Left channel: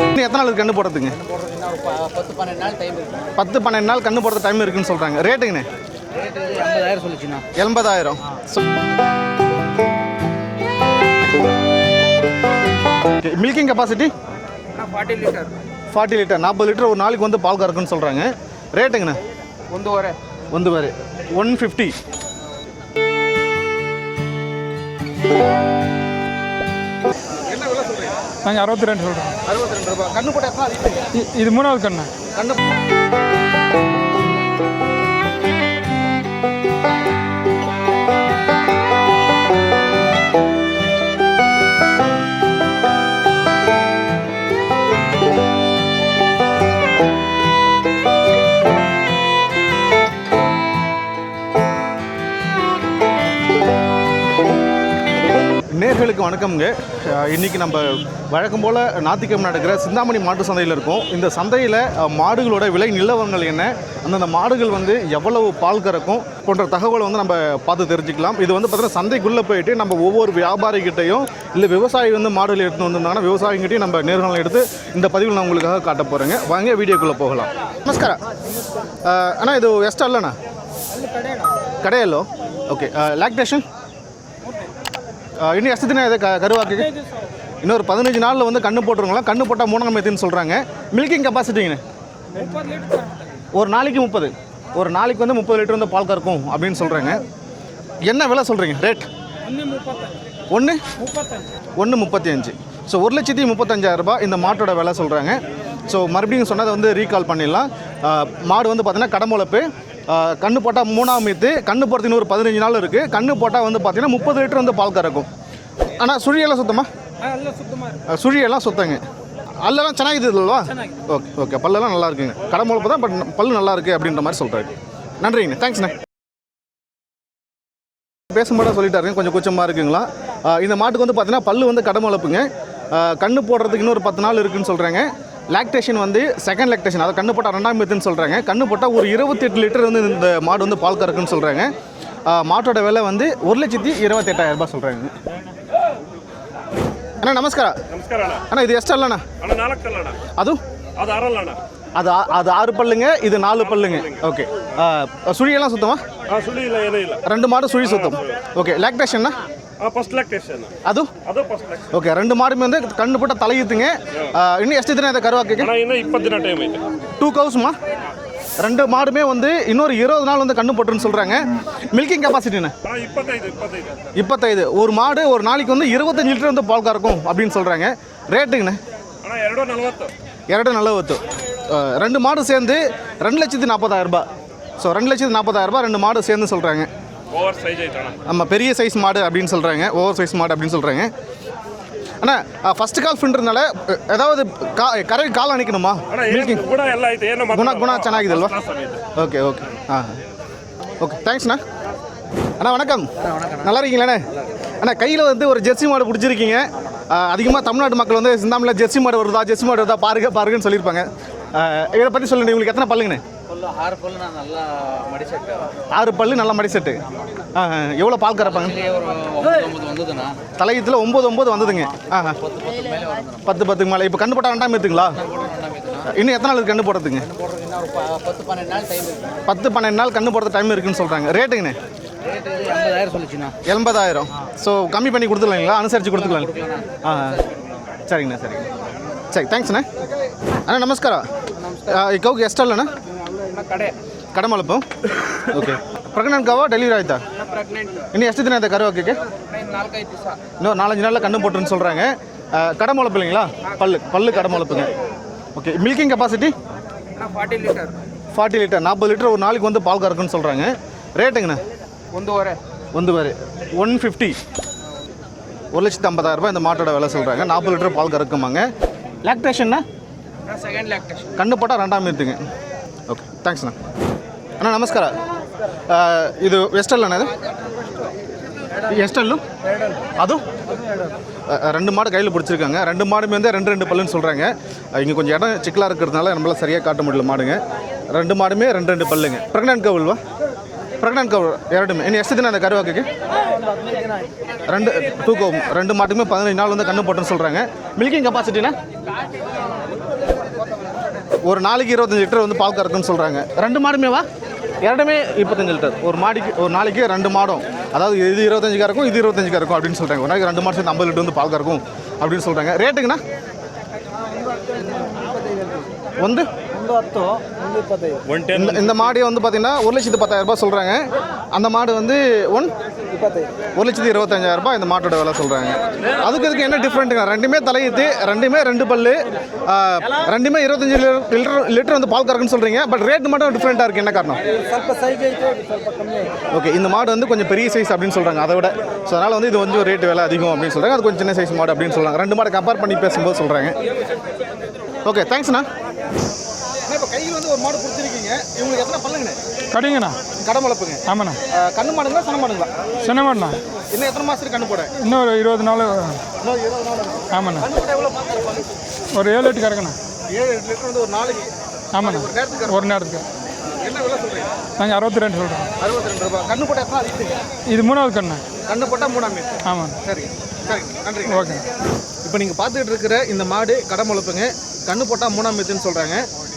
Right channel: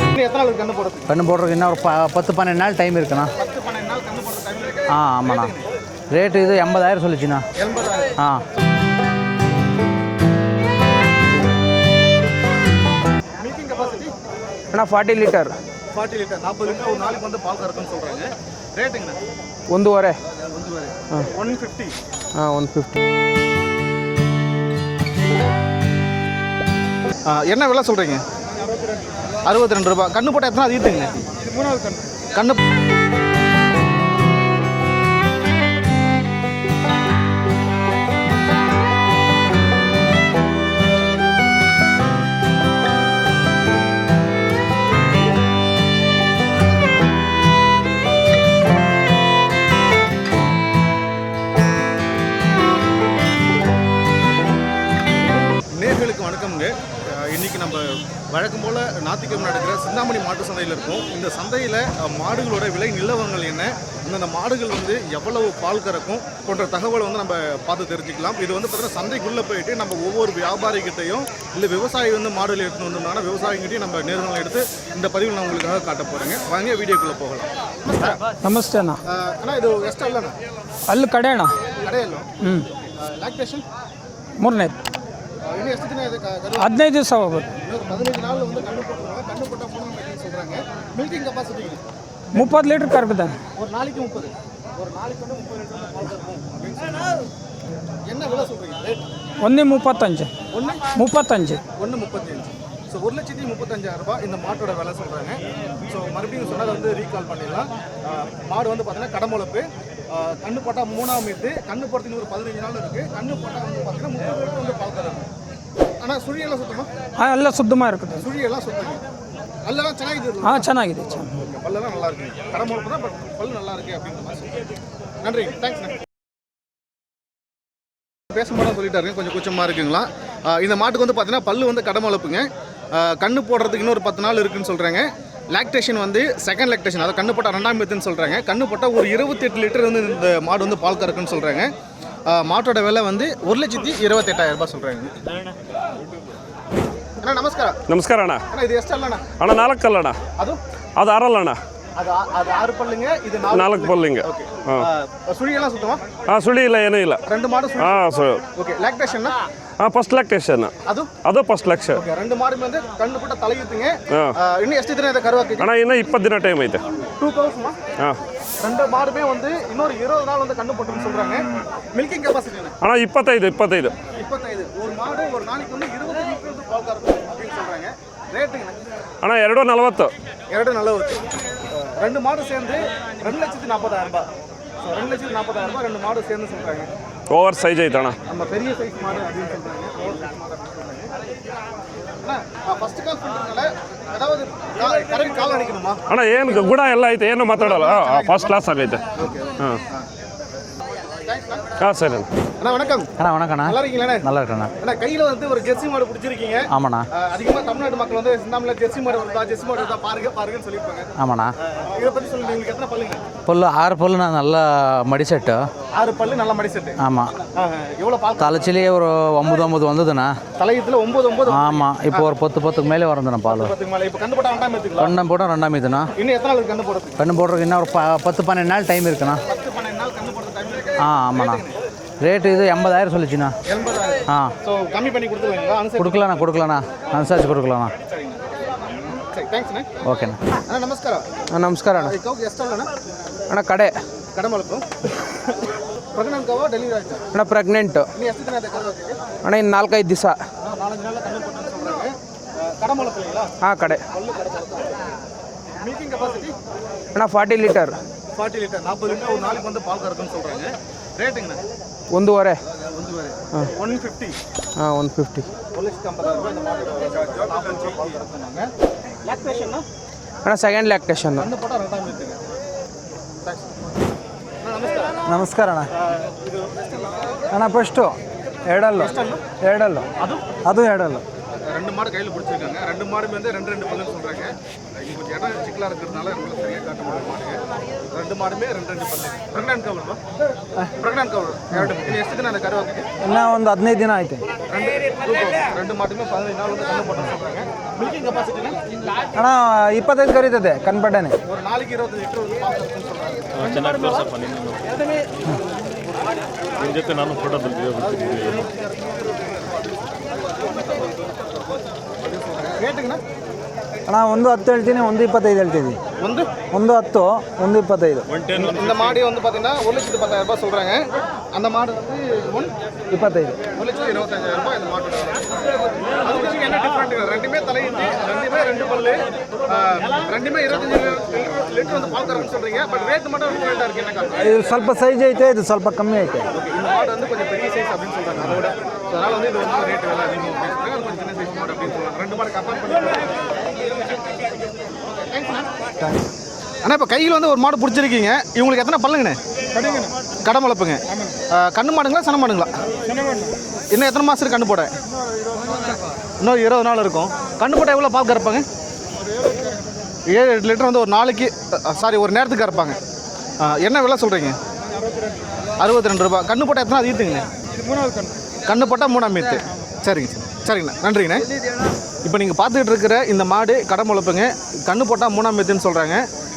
இன்னும் எத்தனை நாள் கண்ணு போடுறதுங்க கண்ணு போடுறதுக்கு இன்னும் ஒரு ப- பத்து பன்னெண்டு நாள் டைம் இருக்குண்ணா பத்து பன்னெண்டு நாள் கண்ணு போடுறது டைம் இருக்குன்னு சொல்றாங்க ஆமாண்ணா. ரேட்டுங்கண்ணே ரேட்டு இது எண்பதாயிரம் சொல்லிச்சுண்ணா எண்பதாயிரம் ஆ மில்கிங் கெப்பாசிட்டி ಅಣ್ಣ ಫಾರ್ಟಿ ಲೀಟರ್ ஃபார்ட்டி லிட்டர் நாற்பது லிட்டர் ஒரு நாளைக்கு வந்து பால் கறக்குன்னு சொல்றாங்க ரேட்டுங்கண்ணே ಒಂದೂವರೆ ಒಂದು ಬಾರಿ. One fifty. ಹಾಂ ಒನ್ ஃபிஃப்டி என்ன விலை சொல்கிறீங்க நாங்கள் அறுபத்தி ரெண்டு சொல்கிறோம் அறுபத்தி ரெண்டு ரூபாய் கண்ணு போட்டால் எத்தனை ஈத்துங்க இது மூணாவது கண்ணு கண்ணு வணக்கம்ங்க அஹ் இன்னைக்கு நம்ம வழக்கம் போல் ஞாயிற்றுக்கிழமை நடக்கிற சிந்தாமணி மாட்டு சந்தையில் இருக்கோம் இந்த சந்தையில் அஹ், மாடுகளோட விலை நிலவரங்கள் என்ன அந்தந்த மாடுகள் வந்து எவ்வளவு பால் கறக்கும் போன்ற தகவலை வந்து நம்ம பார்த்து தெரிஞ்சுக்கலாம் இது வந்து பார்த்தீங்கன்னா சந்தைக்குள்ளே போயிட்டு நம்ம ஒவ்வொரு வியாபாரிகிட்டையும் இல்லை விவசாயி வந்து மாடுகள் எடுத்து வந்திருந்தாங்கன்னா விவசாயிகிட்டையும் நம்ம நேர்காணல் எடுத்து இந்த பதிவில் நான் உங்களுக்காக காட்ட போகிறேங்க வாங்க வீடியோக்குள்ளே போகலாம் நமஸ்காரம் ನಮಸ್ತೆ ಅಣ್ಣ அஹ், அண்ணா இது ಎಷ್ಟು ಅಲ್ಲಣ್ಣ ಅಲ್ಲಿ ಕಡೆ ಅಣ್ಣ ಕಡೆಯಲ್ಲೋ ಓಕೆ ಲ್ಯಾಕ್ಟೇಷನ್ ಮೂರನೇ இன்னும் ಎಷ್ಟು ದಿನ ಇದೆ ಕ- ಕರು ಹಾಕಿ? ಹದಿನೈದು ದಿವಸ ಹೋಗ್ಬೋದು இன்னொரு பதினஞ்சு நாளில் வந்து கண்ணு போட்டுருங்களா கண்ணு போட்டால் மூணாம் எத்துன்னு சொல்கிறாங்க மில்கிங் கெப்பாசிட்டிங்க ಮುಪ್ಪತ್ತು ಲೀಟ್ರ್ ಕರ್ಬಿದ್ದಾನೆ ஒரு நாளைக்கு முப்பது ஒரு நாளைக்கு வந்து முப்பது லிட்டர் வந்து பால் கறக்கும் அப்படின்னு சொல்கிறாங்க என்ன விலை சொல்கிறீங்க ரேட் ಒಂದೇ ಮುಪ್ಪತ್ತಂಜು ஒன்று ಮುಪ್ಪತ್ತಂಜು ஒன்று முப்பத்தி அஞ்சு ஸோ ஒரு லட்சத்தி முப்பத்தஞ்சாயிரம் ரூபாய் இந்த மாட்டோட விலை சொல்கிறாங்க ஸோ மறுபடியும் சொன்னதை வந்து ரீகால் பண்ணிடலாம் ஆஹ் மாடு வந்து பார்த்தீங்கன்னா கடமுளப்பு ஆஹ் கண்ணு போட்டால் மூணாம் மீத்து கண்ணு போடுறது இன்னொரு பதினஞ்சு நாள் இருக்குது கண்ணு போட்டால் வந்து பார்த்தீங்கன்னா முப்பது லிட்டர் வந்து பால் கறக்கும் ஆனால் சுழியெல்லாம் சுத்தமா ಹಾಂ ಎಲ್ಲ ಸುದ್ದಮ ಇರುತ್ತೆ ஆஹ் சுழியெல்லாம் சுத்தங்க அல்லெல்லாம் ಚೆನ್ನಾಗಿದೆ ಹಾಂ ಚೆನ್ನಾಗಿದೆ ஓகே ஓகே பல்லெல்லாம் நல்லா இருக்குங்க கடமுளப்பு தான் பட் பல்லு நல்லா இருக்கு அப்படின்ற மாதிரி சொல்கிறாரு நன்றிங்க தேங்க்ஸ்ண்ணே பேசும்போது சொல்லிட்டாருங்க கொஞ்சம் கூச்சமாக இருக்குங்களா ஆ, இந்த மாட்டுக்கு வந்து பார்த்தீங்கன்னா பல்லு வந்து கடமுளப்புங்க ஆ, கண்ணு போடுறதுக்கு இன்னொரு பத்து நாள் இருக்குன்னு சொல்கிறாங்க லாக்டேஷன் வந்து செகண்ட் லாக்டேஷன் அதை கண்ணு போட்டால் ரெண்டாம் எத்துன்னு சொல்கிறாங்க கண்ணு போட்டால் ஒரு இருபத்தெட்டு லிட்டர் வந்து இந்த மாடு வந்து பால் கறக்குன்னு சொல்கிறாங்க மாட்டோட விலை வந்து ஒரு லட்சத்தி இருபத்தெட்டாயிரம் ரூபாய் சொல்கிறாங்க அண்ணா நமஸ்காரம். நமஸ்காரம் அண்ணா. அண்ணா இது எஸ்டா இல்லைண்ணா அண்ணா நாலக்கல் அண்ணா. அதுவும்? அது அறலண்ணா அது ஆ- அது ஆறு பல்லுங்க இது நாலு நாலு பல்லுங்க பல்லுங்க. ஓகே சுழியெல்லாம் சுத்தமா ಹಾಂ ಸುಳಿ ಇಲ್ಲ ಏನೂ ಇಲ್ಲ ரெண்டு மாடு சுழி ஆ, சுத்தம் சரி. ஓகே லாக்டேஷன்னா ಹಾಂ ಫಸ್ಟ್ ಲ್ಯಾಕ್ಟೇಷನ್ அது ಅದು ಫಸ್ಟ್ ಲ್ಯಾಕ್ಷನ್ ஓகே ரெண்டு மாடுமே வந்து கண்ணு போட்ட தலையுத்துங்க இன்னும் ಎಷ್ಟು ದಿನ ಇದೆ ಕರುವಾಕಕ್ಕೆ ಅಣ್ಣ ಇನ್ನೂ ಇಪ್ಪತ್ತು ದಿನ ಟೈಮ್ ಐತೆ டூ கவுஸ்மா ಹಾಂ ரெண்டு மாடுமே வந்து இன்னொரு இருபது நாள் வந்து கண்ணு போட்டுருன்னு சொல்றாங்க மில்கிங் கெப்பாசிட்டின்னு ಅಣ್ಣ ಇಪ್ಪತ್ತೈದು ಇಪ್ಪತ್ತೈದು இப்பத்தைது ஒரு மாடு ஒரு நாளைக்கு வந்து இருபத்தஞ்சு லிட்டர் வந்து பால் கறக்கும் அப்படின்னு சொல்றாங்க ரேட்டுங்கண்ணே ಅಣ್ಣ ಎರಡು ನಲವತ್ತು இரண்டு நலவத்து ரெண்டு மாடு சேர்ந்து ரெண்டு லட்சத்தி நாற்பதாயிரம் ரூபாய் ஸோ ரெண்டு லட்சத்தி நாற்பதாயிரம் ரூபாய் ரெண்டு மாடு சேர்ந்து சொல்றாங்க ಓವರ್ ಸೈಜ್ ಐತೆ ಅಣ್ಣ நம்ம பெரிய சைஸ் மாடு அப்படின்னு சொல்கிறாங்க ஓவர் சைஸ் மாடு அப்படின்னு சொல்கிறாங்க அண்ணா ஃபர்ஸ்ட் கால் ஃபின்றதுனால ஏதாவது கா கரை கால் அணைக்கணுமா ಅಣ್ಣ ಏನು ಗುಣ ಎಲ್ಲ ಐತೆ ಏನು ಮಾತಾಡಲ್ಲ ಗುಣ ಚೆನ್ನಾಗಿದೆ ಫಸ್ಟ್ ಅಲ್ವಾ? ಕ್ಲಾಸ್ ಆಗೈತೆ ஓகே ஓகே ஆ ஓகே தேங்க்ஸ்ண்ணா ஆ சரி அண்ணா வணக்கம். அண்ணா வணக்கம் நல்லா இருக்கீங்களா நல்லா இருக்கேண்ணா. அண்ணா கையில் வந்து ஒரு ஜெர்சி மாடு பிடிச்சிருக்கீங்க. ஆமாண்ணா. அதிகமாக தமிழ்நாட்டு மக்கள் வந்து சிந்தாமில் ஜெர்சி மாடு வருதா ஜெர்சி மாடு வருதா பாருங்க பாருங்கன்னு சொல்லியிருப்பாங்க. ஆமாண்ணா. இதை பற்றி சொல்லுங்க உங்களுக்கு எத்தனை பல்லுங்கண்ணே? பல்லு ஆறு பல்லு நான் நல்லா மடி செட்டு. ஆறு பல்லு நல்லா மடி செட்டு. ஆமாம் எவ்வளோ பால் தலைச்சிலேயே ஒரு ஒம்பது ஒம்பது வந்ததுண்ணா. தலையத்தில் ஒம்பது ஒம்பது வந்ததுங்க. இப்போ ஒரு பத்து பத்துக்கு மேலே வரதுண்ணா பத்து பத்துக்கு மேலே. இப்போ கண்டு போட்டால் ரெண்டாம் ஏற்றுங்களா ரெண்டாம் போட்டால் ரெண்டாம் ஏற்றுண்ணா இன்னும் எத்தனை நாள் கண்ணு போடுறதுங்க? கண்ணு போடுறதுக்கு இன்னும் ஒரு பத்து பன்னெண்டு நாள் டைம் இருக்குண்ணா. பத்து பன்னெண்டு நாள் கண்ணு போடுறது டைம் இருக்கு சொல்றாங்க ரேட்டுங்கண்ணே ரேட்டு இது எண்பதாயிரம் சொல்லிச்சுண்ணா எண்பதாயிரம் ஆ. ஸோ கம்மி பண்ணி கொடுத்துருவீங்களா அனுசரிச்சு கொடுக்கலாண்ணா கொடுக்கலாம் கொடுக்கலாண்ணா அனுசரிச்சு கொடுக்கலாண்ணா சரிங்கண்ணா சரிங்க சரி தேங்க்ஸ்ண்ணே ಓಕೆನಾ ಅಣ್ಣ ನಮಸ್ಕಾರ ನಮಸ್ಕಾರ ಈ ಕೌಗೆ ಎಷ್ಟಲ್ಲಣ್ಣ ಅಣ್ಣ ಕಡೆ ಕಡಮಳಪ್ಪ ಓಕೆ ಪ್ರೆಗ್ನೆಂಟ್ ಗಾವ ಡೆಲಿವರಿ ಆಯ್ತಾ ಅಣ್ಣ ಪ್ರೆಗ್ನೆಂಟ್ ಇನ್ನು ಎಷ್ಟು ದಿನ ಆಯ್ತಾ ಕರು ಹಾಕಕ್ಕೆ ಅಣ್ಣ ಇನ್ನು ನಾಲ್ಕೈದು ದಿವಸ இன்னும் நாலஞ்சு நாளில் கண்ணு போட்டுன்னு சொல்கிறாங்க கடமுளப்பு இல்லைங்களா பல்லு பல்லு கடமுளப்புங்க ஓகே மில்கிங் கெப்பாசிட்டி ಅಣ್ಣ ಫಾರ್ಟಿ ಲೀಟರ್ ஃபார்ட்டி லிட்டர் நாற்பது லிட்டர் ஒரு நாளைக்கு வந்து பால் கறக்குன்னு சொல்கிறாங்க ரேட்டுங்கண்ணே ಒಂದೂವರೆ வந்து பாரு ஒன் ஃபிஃப்டி ಹಾಂ ಒಂದು ಫಿಫ್ಟಿ ஒரு லட்சத்து ஐம்பதாயிரம் ரூபாய் இந்த மாட்டோட விலை சொல்கிறாங்க நாற்பது லிட்டர் பால் கறக்குமாங்க லாக்டேஷன்னா ಅಣ್ಣ ಸೆಕೆಂಡ್ ಲ್ಯಾಕ್ಟೇಷನ್ கண்ணு போட்டால் ரெண்டாம் எடுத்துங்க ஓகே தேங்க்ஸ்ண்ணா ಅಣ್ಣ ನಮಸ್ಕಾರ ನಮಸ್ಕಾರ ಅಣ್ಣ ಆ, ಇದು ಎಷ್ಟಲ್ಲ ಅಣ್ಣ ಇದು ಅಣ್ಣ ಫಸ್ಟು ಎರಡಲ್ಲ ಎಷ್ಟಲ್ಲು ಎರಡಲ್ಲ ಅದು ಅದು ಎರಡಲ್ಲ அஹ், ரெண்டு மாடு கையில் பிடிச்சிருக்காங்க. ரெண்டு மாடுமே வந்து ரெண்டு ரெண்டு பல்லுன்னு சொல்கிறாங்க இங்கே கொஞ்சம் இடம் சிக்கலாக இருக்கிறதுனால நம்மளால் சரியாக காட்ட முடியல மாடுங்க. ரெண்டு மாடுமே ரெண்டு ரெண்டு பல்லுங்க. ப்ரெக்னென்ட் கவுல்வா ப்ரெக்னென்ட் கவுல் ಎರಡುಮೆ ಇನ್ನು ಎಷ್ಟು ದಿನ ಅದ ಕರುವಾಕಕ್ಕೆ ಇನ್ನೂ ಒಂದು ಹದಿನೈದು ದಿನ ಆಯಿತು ரெண்டு தூக்கம். ரெண்டு மாட்டுமே பதினஞ்சு நாள் வந்து கண்ணு போட்டுன்னு சொல்கிறாங்க மில்கிங் கெப்பாசிட்டினா ஆனால் இப்போதான் ಕರೀತದೆ ಕನ್ಪಟ್ಟನೆ ஒரு நாளைக்கு இருபத்தஞ்சு லிட்டர் வந்து பால் கறக்குன்னு சொல்கிறாங்க ரெண்டு மாடுமேவா இரண்டுமே இருபத்தஞ்சு லிட்டர். ஒரு மாடிக்கு ஒரு நாளைக்கு ரெண்டு மாடும். அதாவது இது இருபத்தஞ்சு கறக்கும் இது இருபத்தஞ்சு கறக்கும் அப்படின்னு சொல்கிறாங்க ஒரு நாளைக்கு ரெண்டு மாடு சேர்ந்து ஐம்பது லிட்டர் வந்து பால் கறக்கும் அப்படின்னு சொல்கிறாங்க ரேட்டுங்கண்ணா? ಅಣ್ಣ ಒಂದು ಹತ್ತು ಹೇಳ್ತೀನಿ ಒಂದು ಇಪ್ಪತ್ತೈದು ಹೇಳ್ತೀವಿ வந்து ಒಂದು ಹತ್ತು ಒಂದು ಇಪ್ಪತ್ತೈದು இந்த இந்த மாடு வந்து பார்த்தீங்கன்னா ஒரு லட்சத்து பத்தாயிரம் ரூபாய் சொல்கிறாங்க அந்த மாடு வந்து ஒன் ಇಪ್ಪತ್ತೈದು ஒரு லட்சத்தி இருபத்தஞ்சாயிரம் ரூபாய் இந்த மாட்டோட விலை சொல்கிறாங்க அதுக்கு இதுக்கு என்ன டிஃப்ரெண்ட்டுங்க ரெண்டுமே தலையீத்து ரெண்டுமே ரெண்டு பல்லு ஆ, ரெண்டுமே இருபத்தஞ்சு லிட்டர் லிட்டர் வந்து பால் கறக்குன்னு சொல்கிறீங்க பட் ரேட் மட்டும் டிஃப்ரெண்ட்டாக இருக்குது என்ன காரணம் ಇದು ಸ್ವಲ್ಪ ಸೈಜ್ ಐತೆ ಇದು ಸ್ವಲ್ಪ ಕಮ್ಮಿ ಐತೆ ஓகே இந்த மாடு வந்து கொஞ்சம் பெரிய சைஸ் அப்படின்னு சொல்கிறாங்க அதை விட ஸோ அதனால் வந்து இது வந்து ரேட் விலை அதிகம் அப்படின்னு சொல்கிறாங்க அது கொஞ்சம் சின்ன சைஸ் மாடு அப்படின்னு சொல்கிறாங்க ரெண்டு மாடு கம்பேர் பண்ணி பேசும்போது சொல்கிறாங்க ஓகே தேங்க்ஸ்ண்ணா அண்ணா. இப்போ கையில் வந்து ஒரு மாடு பிடிச்சிருக்கீங்க. இவங்களுக்கு எத்தனை பல்லுங்கண்ணே கடுங்கண்ணா. கடை வளர்ப்புங்க. ஆமாண்ணா. கண்ணு மாடுங்களா சின மாடுங்களா? சின மாடுண்ணா. இன்னும் எத்தனை மாதம் கண்ணு போட? இன்னொரு இருபது நாள் இன்னொரு இருபது நாள் இருக்கும். ஆமாண்ணா. கண்ணு போட எவ்வளோ பால் கறப்பாங்க? ஒரு ஏழு எட்டு கறக்கண்ணா. ஏழு எட்டு லிட்டர் வந்து ஒரு நாளைக்கு சாரி ஒரு நேரத்துக்கு கறப்பாங்க. நேரத்துக்கு. என்ன விலை சொல்கிறீங்க நாங்கள் அறுபத்தி ரெண்டு சொல்கிறோம் அறுபத்தி ரெண்டு ரூபா கண்ணு போட்டால் எத்தனை ஈத்துங்க? இது மூணாவது கண்ணு. கண்ணு போட்டால் மூணாம் ஈத்து. ஆமாம் சரிங்க. சரிங்கண்ணா நன்றிங்கண்ணா இப்போ நீங்கள் பார்த்துக்கிட்டு இருக்கிற இந்த மாடு கடை முளைப்புங்க கண்ணு போட்டால் மூணாம் மீத்துன்னு சொல்கிறாங்க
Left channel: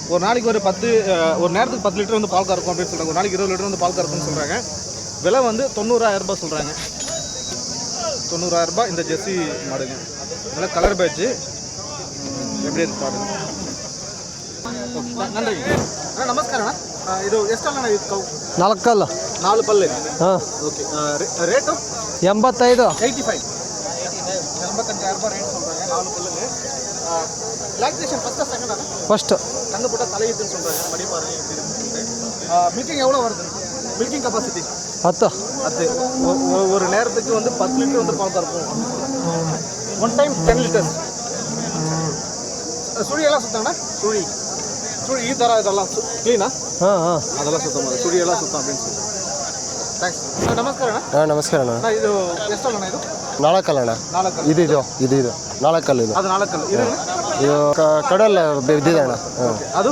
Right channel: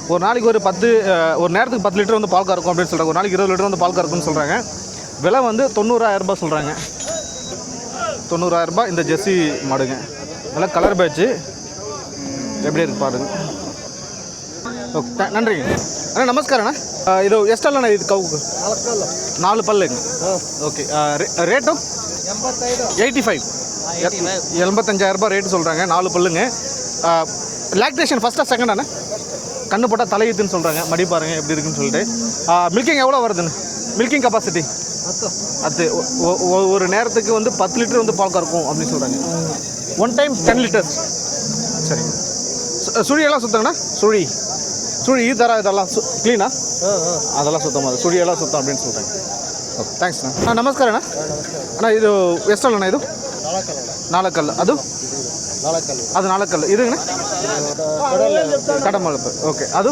ஒரு நாளைக்கு ஒரு பத்து அஹ், ஒரு நேரத்துக்கு பத்து லிட்டர் வந்து பால் கறக்கும் அப்படின்னு சொல்கிறாங்க ஒரு நாளைக்கு இருபது லிட்டர் வந்து பால் கறக்கும்னு சொல்கிறாங்க விலை வந்து தொண்ணூறாயிரம் ரூபாய் சொல்கிறாங்க தொண்ணூறாயிரம் ரூபாய் இந்த ஜெர்சி மாடுங்க நல்லா கலர் பேட்ச்சு எப்படி இருக்கு பாருங்க ஓகே த- நன்றிங்க அண்ணா நமஸ்காரண்ணா அஹ், ಇದು ಎಷ್ಟಲ್ಲ ಇದು ಕವು ನಾಲ್ಕಲ್ಲ ನಾಲ್ಕು ಪಲ್ಲೆಗೆ ಹಾಂ ஓகே ரேட்டு ಎಂಬತ್ತೈದು எயிட்டி ஃபைவ் எண்பத்தஞ்சாயிரம் ரூபாய் ரேட்டு சொல்கிறாங்க நாலு பல்லுங்க. லாக்டேஷன் செகண்ட் அண்ணே ஃபஸ்ட்டு கண்ணு போட்டால் தலையுதுன்னு சொல்கிறாங்க மடி பாருங்கள் எப்படி இருக்குன்னு சொல்லிட்டு. மில்கிங் எவ்வளோ வருதுன்னு? மில்கிங் கெப்பாசிட்டி பத்தா. அது ஒரு நேரத்துக்கு வந்து பத்து லிட்டர் வந்து பால் கறக்கும் அப்படின்னு சொல்கிறாங்க ஒன் டைம் டென் லிட்டர்ஸ் சரி. சுழியெல்லாம் சுத்தங்கண்ணா சுழி சுழி. தர இதெல்லாம் சு க்ளீனா அதெல்லாம் சுத்தமாக சுழியெல்லாம் சுத்தம் அப்படின்னு சொல்கிறாங்க தேங்க்ஸ் அண்ணா நமஸ்காரண்ணா அண்ணா. இது வெஸ்டர்லண்ணா இது? ಅಣ್ಣ ಇದು ಎಷ್ಟಲ್ಲ ಅಣ್ಣ ಇದು ನಾಲ್ಕಲ್ಲ ಅಣ್ಣ ನಾಲ್ಕಲ್ಲ ಇದು ಇದು ಇದು ಇದು ನಾಲ್ಕಲ್ಲ ಇದು ಅದು ನಾಲ್ಕಲ್ಲ ಇದು ಅಣ್ಣ ಇದು ಕಡಲ್ ஓகே அது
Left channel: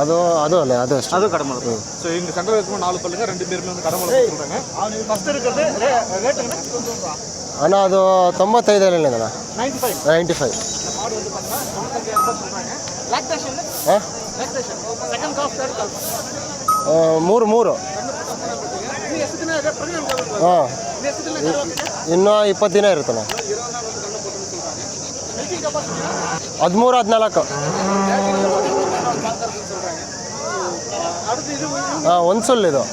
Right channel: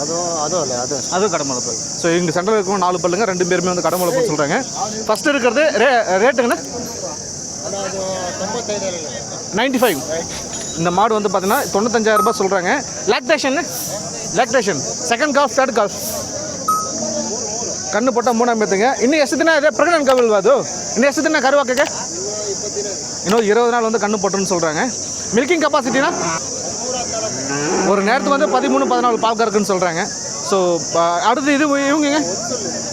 ಅದು ಅದು ಅಲ್ಲ ಅದು ಅಷ್ಟೇ அது கடமளப்பு ஸோ இங்கே சென்ட்ரல் இருக்கும் நாலு பல்லுங்க ரெண்டு பேருமே வந்து கடமளப்பு சொல்கிறாங்க ஃபர்ஸ்ட் இருக்கிறது ரே ரேட்டுங்கண்ணா ಅಣ್ಣ ಅದು ತೊಂಬತ್ತೈದು ಅಣ್ಣ நைன்டி ஃபைவ் ನೈಂಟಿ ಫೈವ್ இந்த மாடு வந்து பார்த்தீங்கன்னா தொண்ணூத்தஞ்சாயிரம் ரூபாய் சொல்கிறாங்க lactation lactation second calf third calf ಮೂರು ಮೂರು கண்ணு போட்டால் மூணாம் பேத்துங்க இன்னும் ಎಷ್ಟು ದಿನ ಇದೆ ಪ್ರೆಗ್ನೆಂಟ್ ಕವಲ್ ಅದು இன்னும் ಎಷ್ಟು ದಿನ ಕರುವಾಕಕ್ಕೆ ಇನ್ನೂ ಇಪ್ಪತ್ತು ದಿನ ಇರುತ್ತಣ್ಣ இன்னொரு இருபது நாள் வந்து கண்ணு போட்டுன்னு சொல்கிறாங்க மில்கிங் கெப்பாசிட்டினா ಹದಿಮೂರು ಹದಿನಾಲ್ಕು ஒரு நேரத்துக்கு வந்து பதிமூணு பதினாலு பால் கறக்குன்னு சொல்கிறாங்க ஸோ அடுத்து இது இவங்க ಒಂದು ಸುಳ್ಳು ಇದು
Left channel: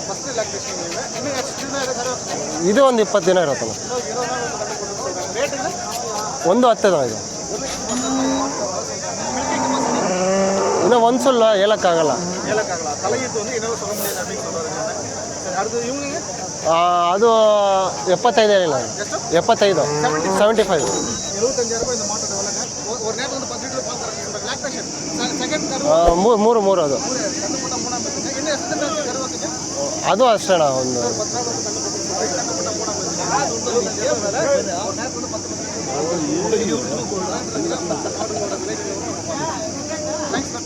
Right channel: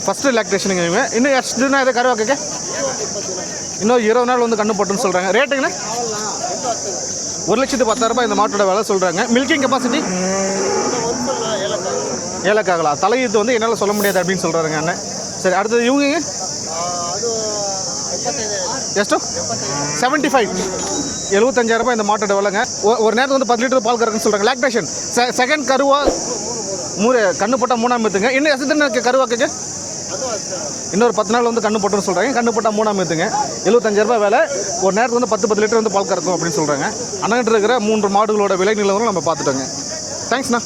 ஃபஸ்ட்டு லாக்டேஷனுங்க இவங்க இன்னும் ಎಷ್ಟು ದಿನ ಇದೆ ಕರುವಾಕಕ್ಕೆ ಇದು ಒಂದು ಇಪ್ಪತ್ತು ದಿನ ಇರುತ್ತಣ್ಣ இன்னும் இருபது நாள் வந்து கண்ணு போட்டுன்னு சொல்கிறாங்க ரேட்டுங்கண்ணா ಒಂದು ಹತ್ತು ದಿನ ಇದು ஒரு லட்சத்து பத்தாயிரரூபா இந்த மாட்டோட விலை சொல்கிறாங்க மில்கிங் கெப்பாசிட்டி இன்னும் ஒன் சொல்லலாம் ஏலக்காகலாம் ஏலக்காகலாம் தலையீட்டு வந்து என்னால் சொல்ல முடியாது அப்படின்னு சொல்கிறாருங்க அண்ணன். சரி அடுத்தது இவங்க ಅದು ಎಪ್ಪತ್ತೈದು ಎಷ್ಟು? ಎಪ್ಪತ್ತೈದು. செவன்டி ஃபைவ் ಸೆವೆಂಟಿ ஃபைவ் எழுபத்தஞ்சாயிரம் ரூபாய் இந்த மாட்டோட விலைங்க ஒ- ஒரு நேரத்துக்கு வந்து பத்து லிட்டர் பால் கறக்குன்னு சொல்றாங்க லாக்டேஷன் செகண்ட் கருவா ಮೂರು ಮೂರು ಮೂರು ಅದು மூணு கண்ணு போட்டா மூணாம் எத்துங்க இன்னும் எசத்துன்னு இருக்கு கருவாக்குங்க அதுவும் ಅಷ್ಟೇ இன்னொரு பத்து நாள் வந்து கண்ணு போட்டுன்னு சொல்றாங்க. கண்ணு போட்டால் மூணாம் எத்துங்க எழுபத்தஞ்சாயிரம் ரூபாய் வேலை ஒரு நேரத்துக்கு வந்து பத்து பத்து லிட்டர் வந்து பால் கறக்கும் அப்படின்னு சொல்றாங்க. அண்ணகிட்ட இருக்கிற மூன்று மாடுகளோட விலை நிலவரம் நம்ம பார்த்துட்டோங்க தேங்க்ஸ்ண்ணா